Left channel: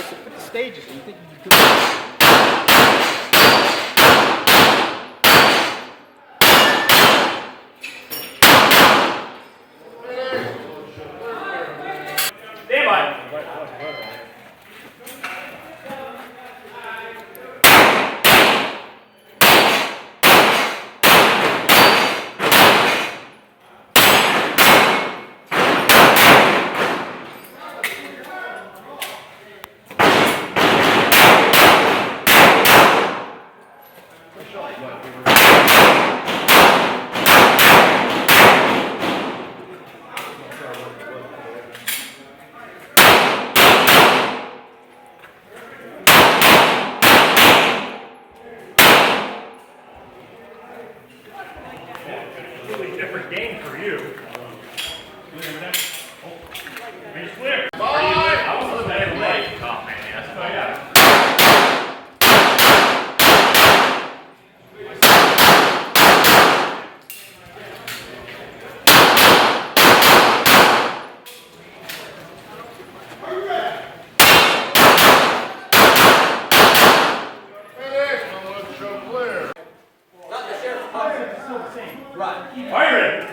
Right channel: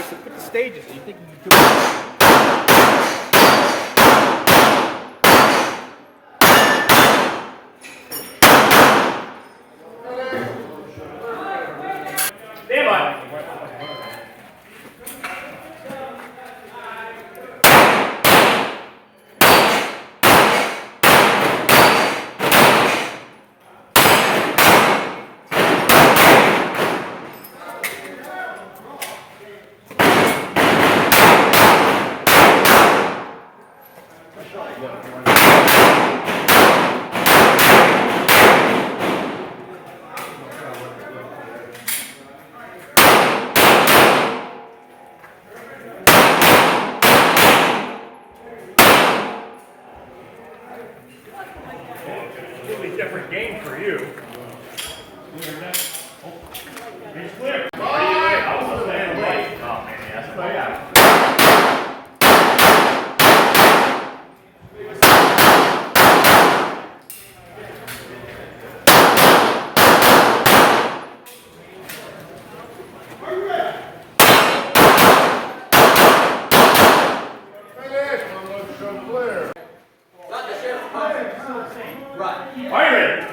Okay, so put the stages. Do you think you can do it? Stand by. Different game for you. Range clear. I was saying right. Oh man, that's what I got. Are you ready?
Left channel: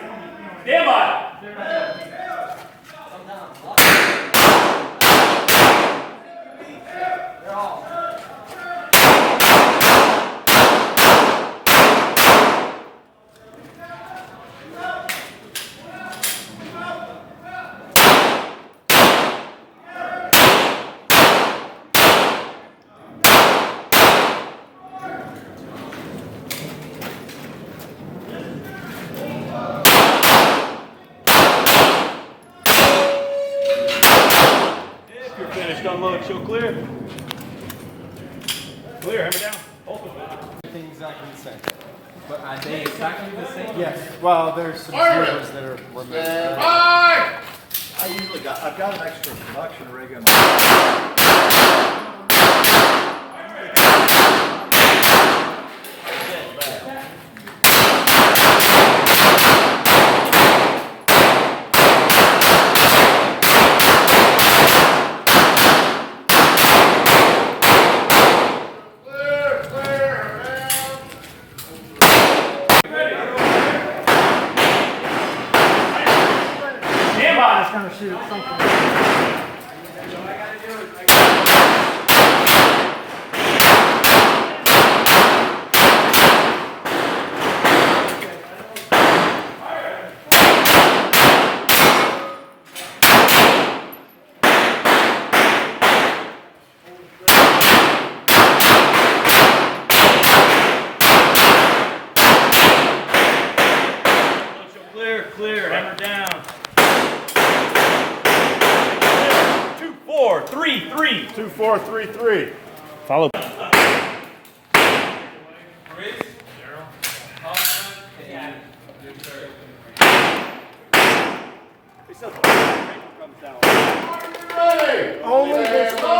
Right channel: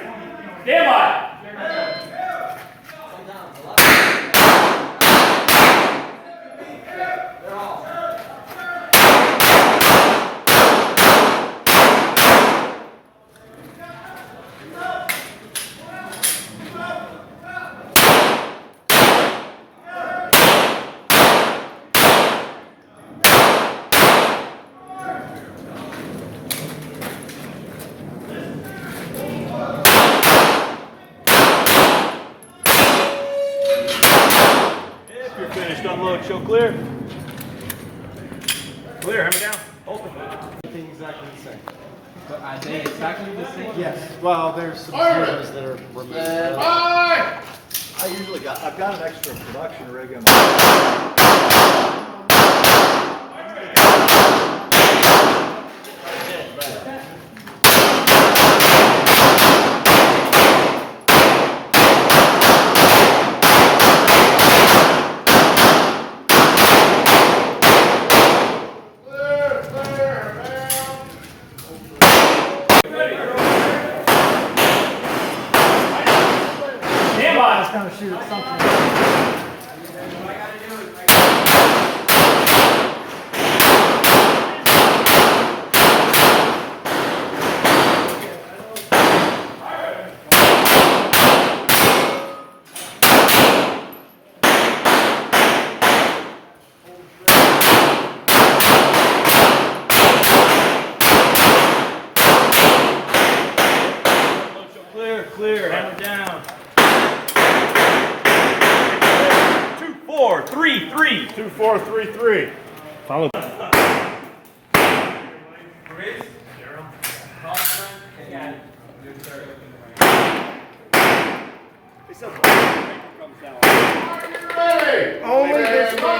Stand by. You're finished. Unload. Show clear. Clear. Hammer down. Open. Everything exactly the same. But are they exactly the same? Yes. Well, there's some servers that are. Stand by! I've got an extra production rig in Kind of shoot something. Clear, hammer down. 2-4-3-3. 2-4-3-3. Follow. Only this one.